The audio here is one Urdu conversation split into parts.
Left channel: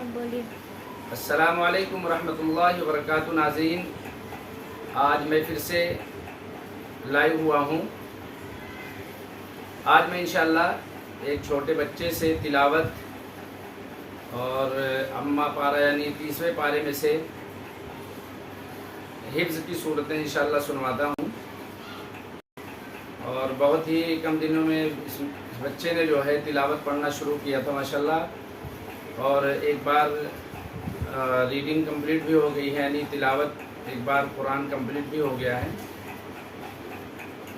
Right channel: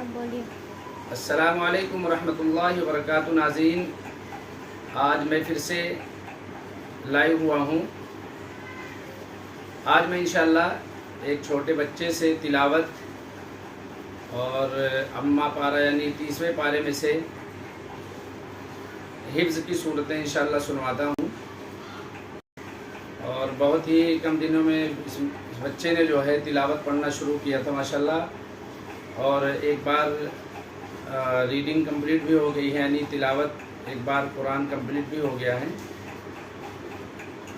آپ بولیے۔ السلام علیکم ورحمۃ اللہ وبرکاتہ۔ ناظرین، آج میں پھر سے لائیو ہوا ہوں۔ آج میں انشاءاللہ ایک چھوٹے بچے سے تلاوت اور اما پارہ یعنی 30ویں پارے میں سے حفظ کی صورتیں انشاءاللہ سنواتا ہوں، اور بہت ہی کم دنوں میں اس بچے نے جو ہے تلاوت پڑھنا شروع کیا تھا ماشاءاللہ، اور ایک بار ریڈنگ کمپلیٹ بھی ہو گئی ہے، یعنی تلاوت ایک بار قرآن کمپلیٹ بھی ہو گیا ہے۔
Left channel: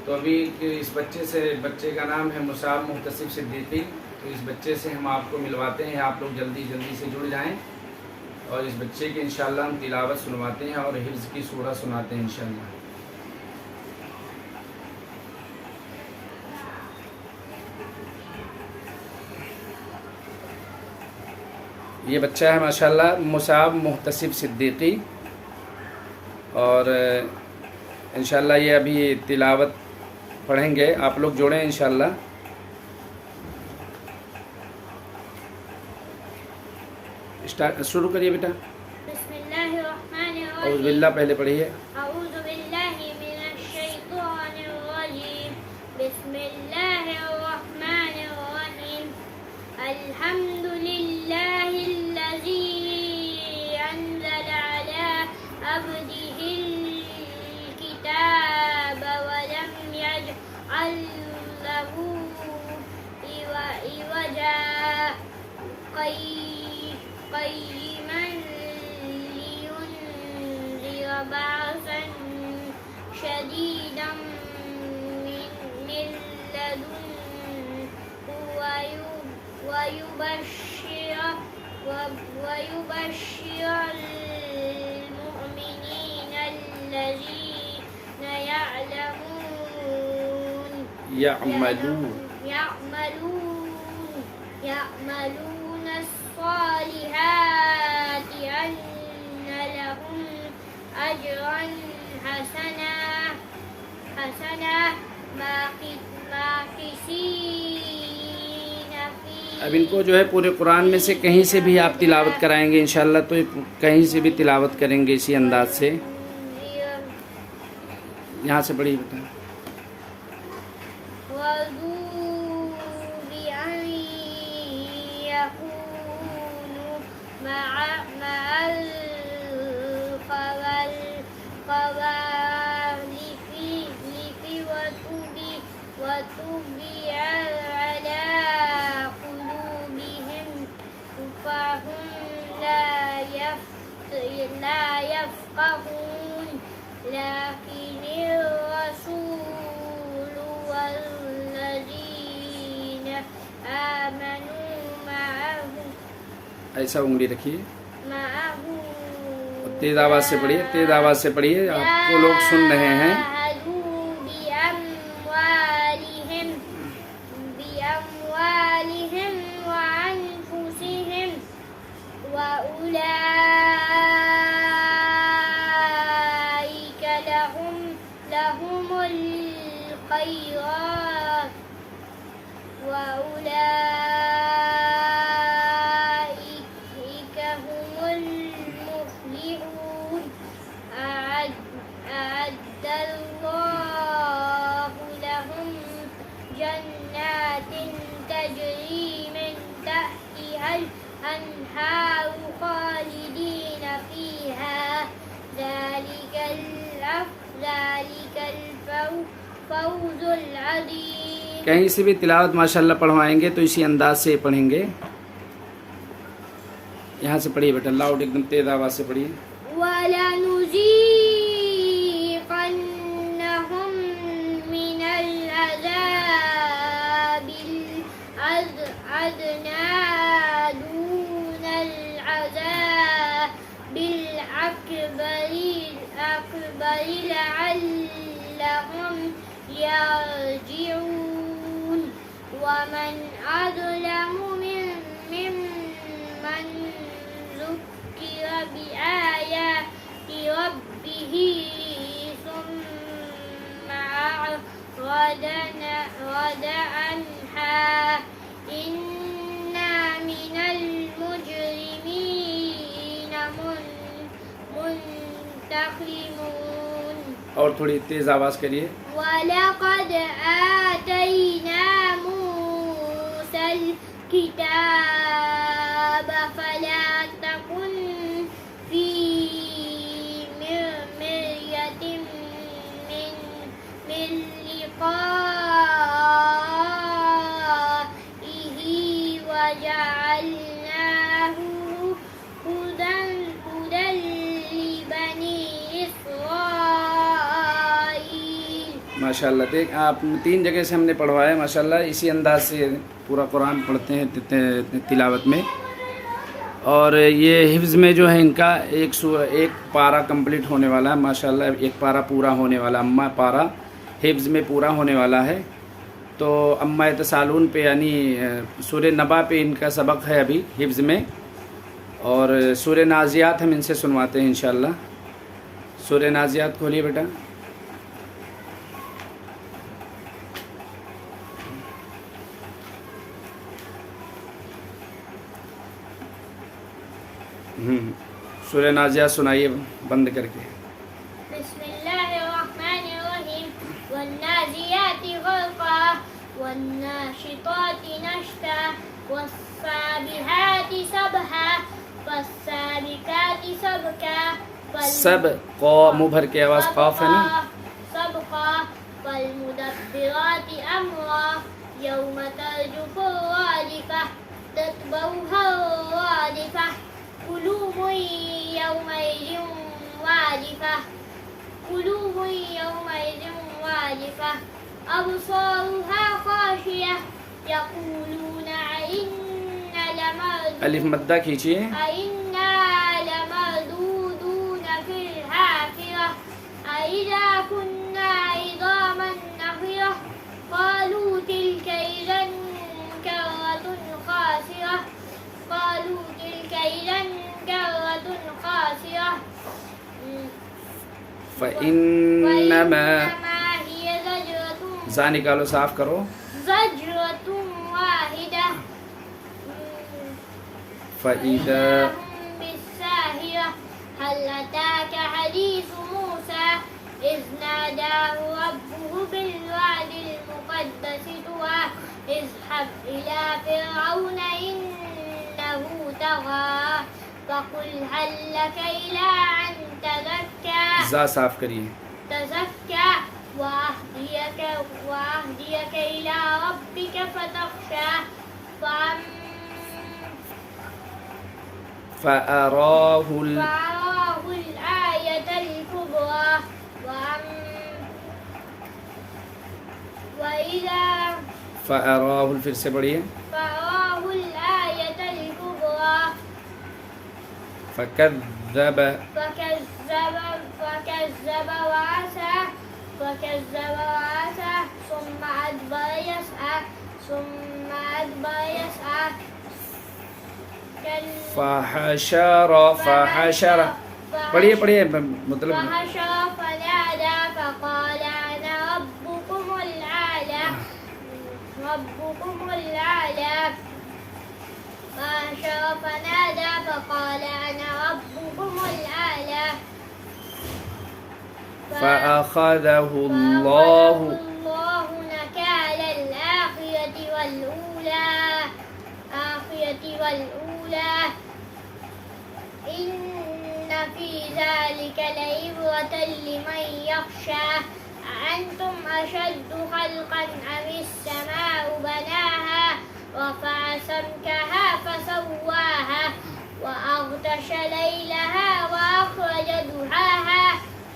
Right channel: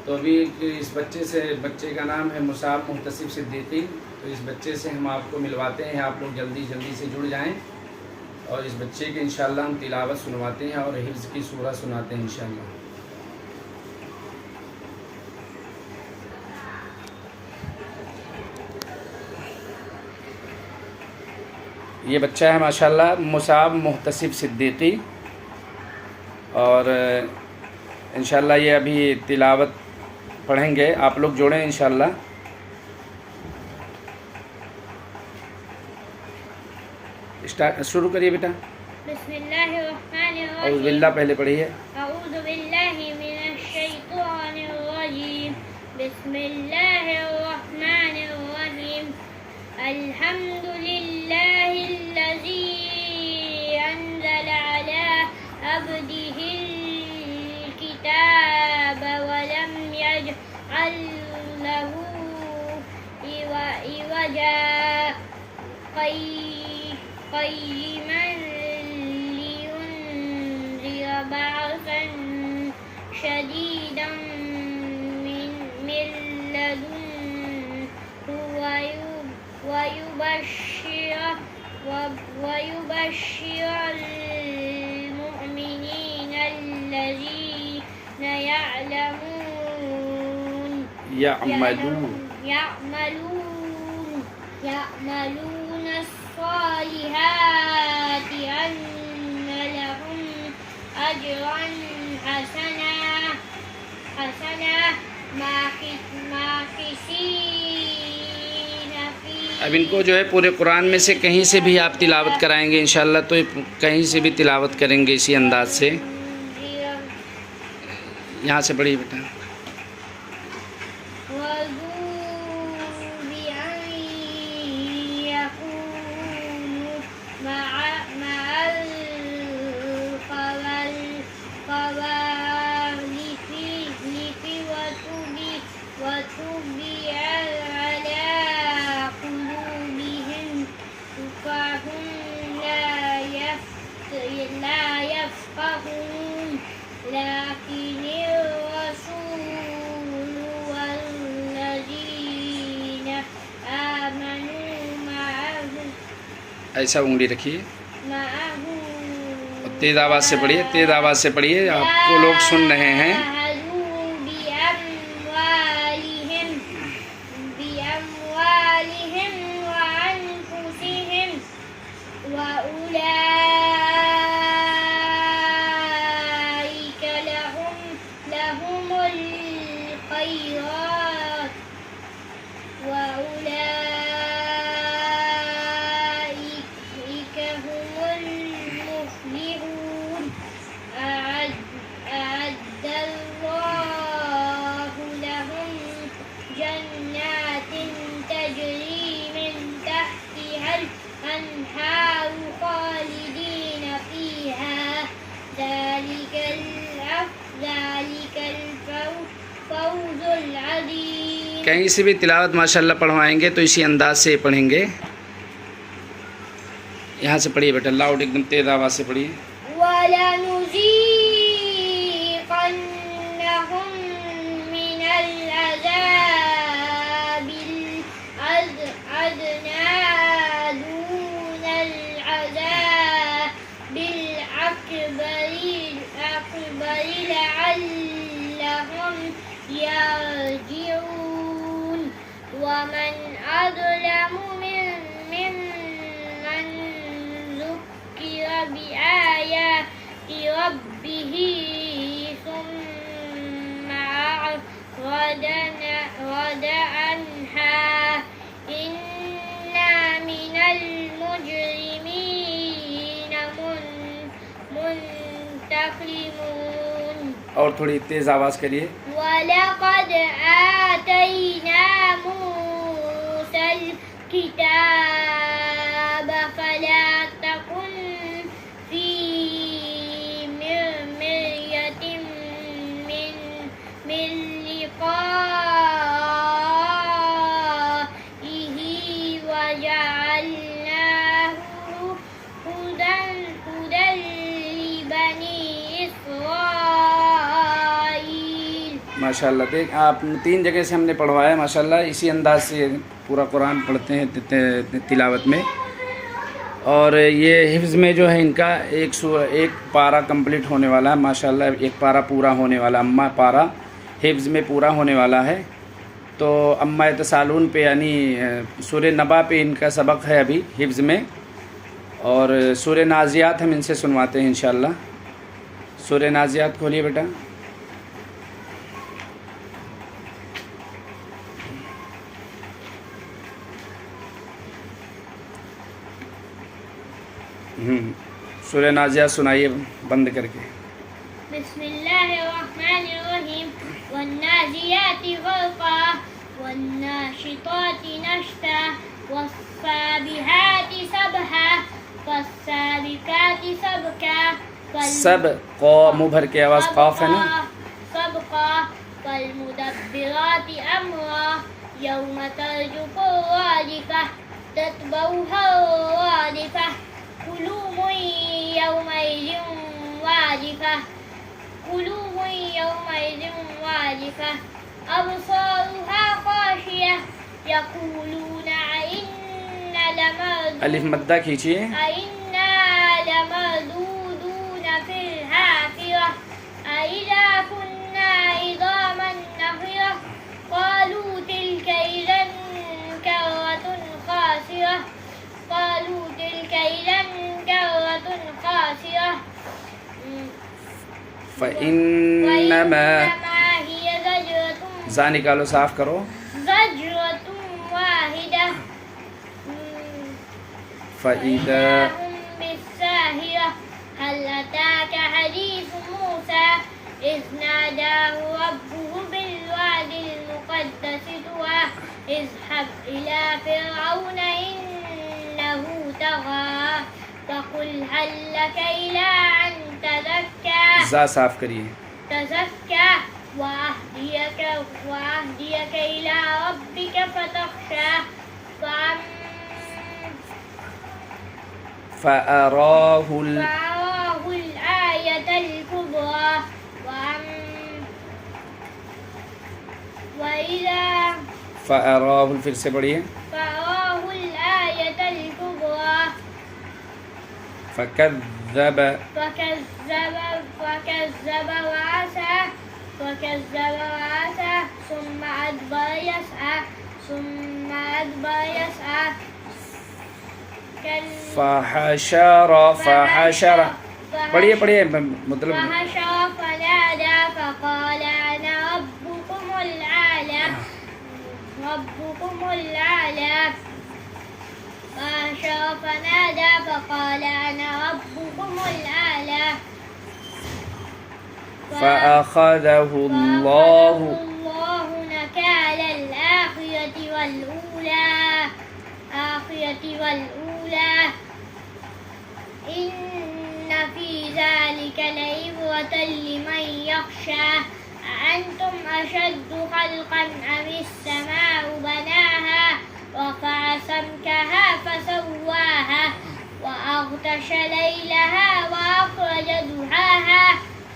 تو ابھی اس بچے کا نام ہے مصعب محتسب صدیقی۔ تو اس بچے سے ہم آپ کو ملواتے ہیں، آپ لوگ جلدی سے جڑ جائیں، اور اس بچے کے انشاءاللہ ہم تلاوت سنواتے ہیں اور حفظ کی سورہ سناتے ہیں انشاءاللہ۔ یہ بچہ ہے ماشاءاللہ مصعب محتسب صدیقی، اور انشاءاللہ یہ ابھی تلاوت پڑھیں گے، آپ لوگ جوڑیں انشاءاللہ۔ شروع کریے بیٹا۔ بسم اللہ الرحمن اعوذ الرحیم۔ باللہ پہلے پڑھیے۔ اعوذ باللہ من الشیطان الرجیم۔ بسم اللہ الرحمن الرحیم۔ الحمد للہ الذی انزل علی عبده الکتاب ولم یجعل له عوجا قیما لینذر بأسا شدیدا من لدنه ويبشر المؤمنين الذين يعملون الصالحات أن لهم أجرا حسنا ماكثين فيه۔ اب ان کو جو ہے پورے قرآن میں سے کہیں سے بھی آپ تلاوت کرائیں گے انشاءاللہ، تو کہیں سے بھی تلاوت کریں گے اسی انداز سے۔ یہاں سے پڑھیے بیٹا۔ لكن الرسول والذين آمنوا معه ایسا انگلی رکھیے اور تیز آواز سے پڑھیے، تیز آواز سے پڑھیے، آپ کو لوگ سن رہے ہیں۔ بأموالهم وأنفسهم وأولئك لهم الخيرات وأولئك هم المفلحون۔ أعد الله لهم جنات تجري من تحتها الأنهار خالدين فيها، ذلك الفوز العظيم۔ کہیں سے بھی تلاوت ماشاءاللہ پڑھوائیں گے تو اسی انداز سے پڑھیں گے۔ یہاں سے پڑھیے بیٹا، لاؤڈ ایک دم تیز آواز سے پڑھیے۔ وَلَنُذِيقَنَّهُم مِّنَ الْعَذَابِ الْأَدْنَىٰ دُونَ الْعَذَابِ الْأَكْبَرِ لَعَلَّهُمْ يَرْجِعُونَ۔ وَمَنْ أَظْلَمُ مِمَّنْ ذُكِّرَ بِآيَاتِ رَبِّهِ ثُمَّ أَعْرَضَ عَنْهَا إِنَّا مِنَ الْمُجْرِمِينَ مسلمون. اور تھوڑی تیز آواز کریے. وَلَقَدْ آتَيْنَا مُوسَى الْكِتَابَ فَلَا تَكُنْ فِي مِرْيَةٍ مِّن لِقَائِهِ وَجَعَلْنَاهُ هُدًى لِبَنِي إِسْرَائِيلَ. ماشاءاللہ. دیکھ آپ 3 جگہ سے ہم نے پڑھوایا ماشاءاللہ. اسی انداز سے پورا قرآن پڑھتے ہیں تلاوت میں. اور یہ حفظ میں جو ہے ان کا ایک پارہ کمپلیٹ ہونے والا ہے ماشاءاللہ. ایک پارہ پورا ہونے والا, اما پارہ حفظ میں پورا ہونے والا ہے. تو اما یتسالون پہ یعنی سورہ نبا پہ ان کا سبق ہے ابھی حفظ میں. اور سورہ نازیات ہم ان سے سنواتے ہیں انشاءاللہ. سورہ نازیات کھولیے بیٹا. سورہ نازیات سنائیے بند کر کے. بسم اللہ الرحمن الرحیم. والنازیات غرقا والناشطات نشطا والسابحات سبحا فالسابقات سبقا سب قو منہ بھر کے آواز قاف ہے نا. سبقا فالمدبرات امرا یوم ترجف الرادفہ تتبعها الرادفہ قلوب يومئذ واجفة قلوب يومئذ واجفة أبصارها خاشعة يقولون أئنا الف مدہ کھینچیے. لمردودون في الحافرة أإذا كنا عظاما نخرة قالوا تلك إذا كرة خاسرة قالوا تلك إذا كرة خاسرة فإنما هي زجرة زا نکالو صاف کرو. زجرة واحدة فإذا هم بالساهرة هل أتاك حديث موسى إذ ناداه ربه بالواد المقدس طوى اذهب إلى فرعون إنه طغى فقل هل لك إلى أن تزكى زا صاف کریے. تزكى وأهديك إلى ربك فتخشى فأراه الآية الكبرى وإذا فأراه پھر سے پڑھیے. فأراه الآية الكبرى فكذب وعسى ثم أدبر يسعى فحشر پڑھیے مطلب. فحشر فنادى فقال أنا ربكم الأعلى فحشر فنادى فقال أنا ربكم الأعلى فأخذه الله نكال الآخرة والأولى إن في ذلك لعبرة لمن يخشى أأنتم أشد خلقا أم السماء بناها رفع سمكها فسواها وأغطش ليلها وأخرج ضحاها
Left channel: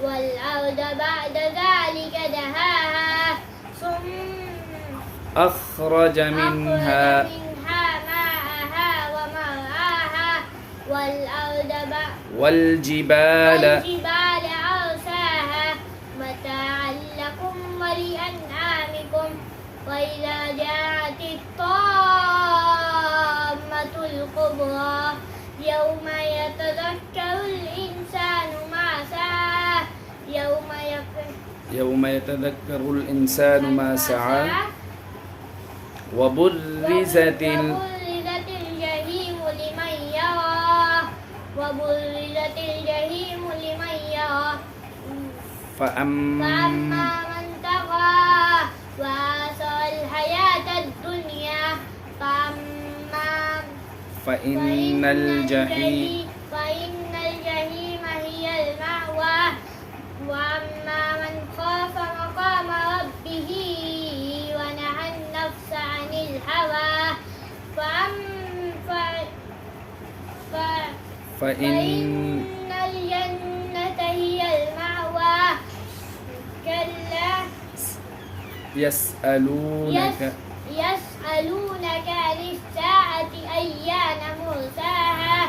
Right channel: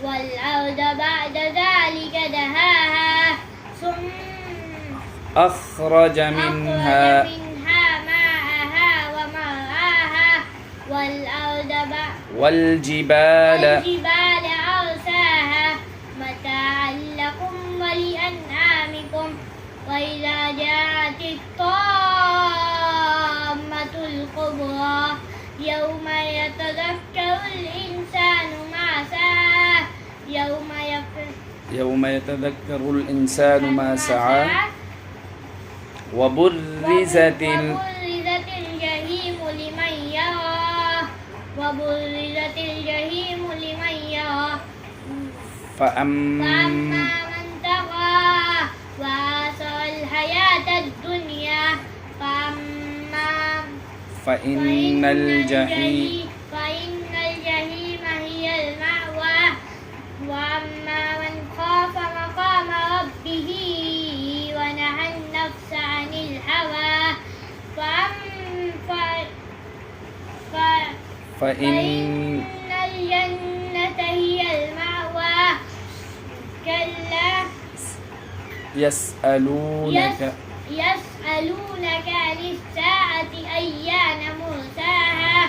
والأرض بعد ذلك دهاها ثم أخرج منها ماءها ومرعاها والجبال أرساها متاعا لكم ولأنعامكم وإذا جاءت الطامة الكبرى يوم يتذكر الإنسان ما سعى يوم يتذكر الإنسان ما سعى وبرزت الجحيم لمن يرى فأما فَأَمَّا من طغى وآثر الحياة الدنيا فإن الجحيم فإن الجحيم هي المأوى وأما من خاف مقام ربه ونهى النفس عن الهوى فإن الجنة هي المأوى كلا يسألونك يسألونك عن الساعة أيان مرساها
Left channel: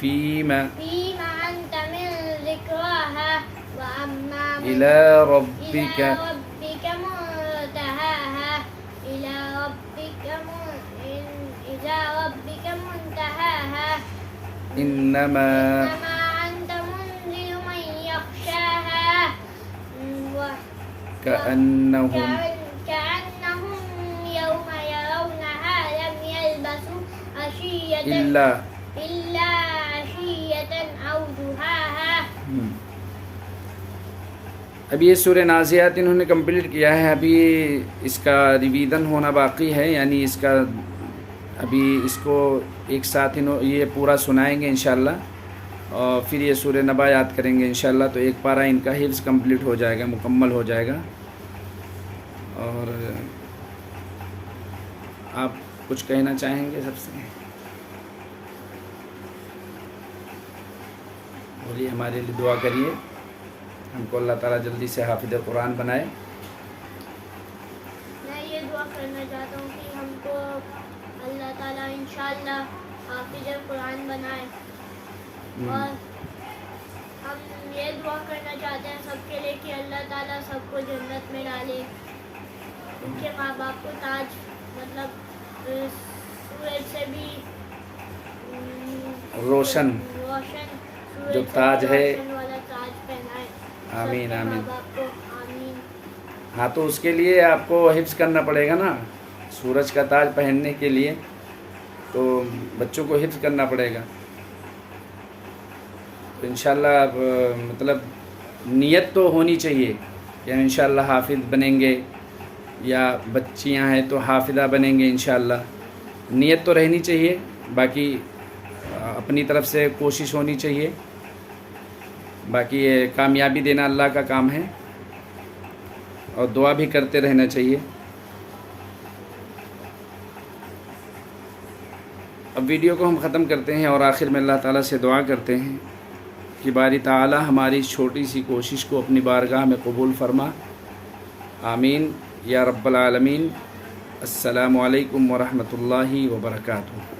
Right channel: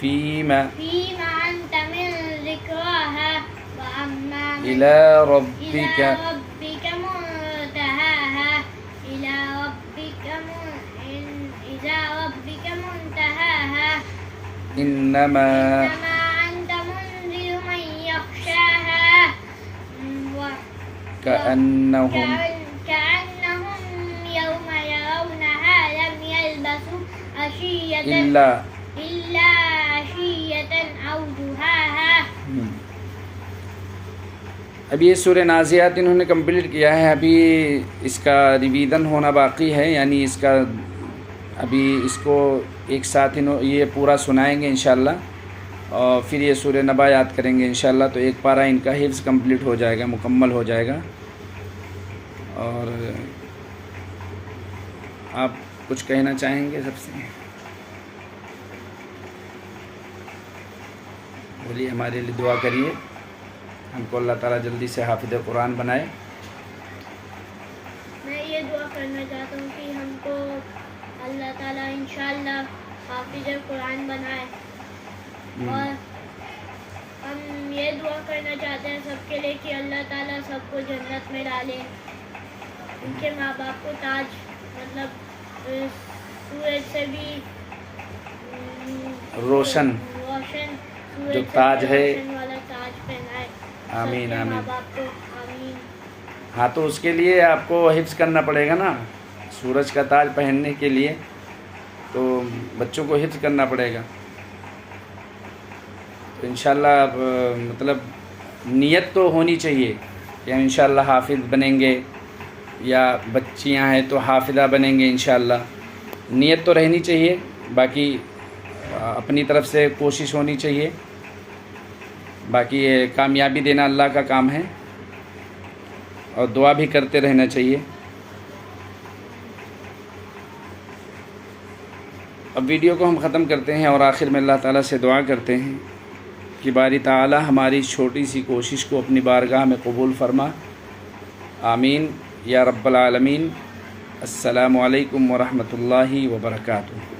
فيما فيما أنت من ذكراها وأما من إلى ربك منتهاها إلى ربك منتهاها إنما أنت منذر من يخشاها كأنهم كأنهم يوم يرونها لم يلبثوا عشية إلا عشية أو ضحاها. ابھی یہ سورہ نازعات انہوں نے کمپلیٹ کیا ہے، ابھی اس کا ریویژن ہونا باقی ہے، یعنی اس کا ابھی اس کو ایک ساتھ یہ پورا سنائیں گے انشاءاللہ، اور پھر یہ سورہ نبا یاد کریں گے انشاءاللہ، تو ایک پارہ ان کا حفظ کمپلیٹ ہو جائے گا، مکمل ہو جائے گا. اور آپ کچھ کہنا چاہیں گے سب سے؟ بولیے، ہمارے لیے دعا کریے، ہم کو اللہ تعالیٰ جلدی سے حافظ قرآن بنائے. میں یہ دعا کرنا چاہتا ہوں کہ ہم کو اللہ تعالیٰ انشاءاللہ حافظ قرآن بنائے، اور ہم یہ دعا کرنا چاہتے ہیں سب کے لیے کہ اللہ تعالیٰ سب کو جنت میں ڈالے، ان کے ماں باپ کو تاج، مطلب سورج سے بھی روشن جو تاج ہے، والا تاج پہنائے. آمین سب کے آمین. ماں باپ کو آمین. ہاں، تو اس کے لیے آپ کو حفظ کرنا پڑے گا نا، سورج کا تاج پہننے کے لیے تو بچوں کو حفظ کرنا پڑے گا. تو انشاءاللہ مطلب نیت تو ہونی چاہیے کہ ہم انشاءاللہ حافظ بنیں گے، یا بچیاں ہیں تو حافظہ بنیں گے انشاءاللہ. نیت تو رہنی چاہیے، باقی اپنی طرف سے کوشش ہونی چاہیے، باقی یہ کامیابی دینا اللہ کا کام ہے، اور دعا بھی کرتے رہنا چاہیے. اب ویڈیو کو ہم ختم کرتے ہیں، اور آخر میں اللہ تعالیٰ سے دعا کرتے ہیں کہ باری تعالیٰ ہماری چھوٹی سی کوشش کو اپنی بارگاہ میں قبول فرما. آمین یا رب العالمین. السلام علیکم ورحمۃ اللہ وبرکاتہ.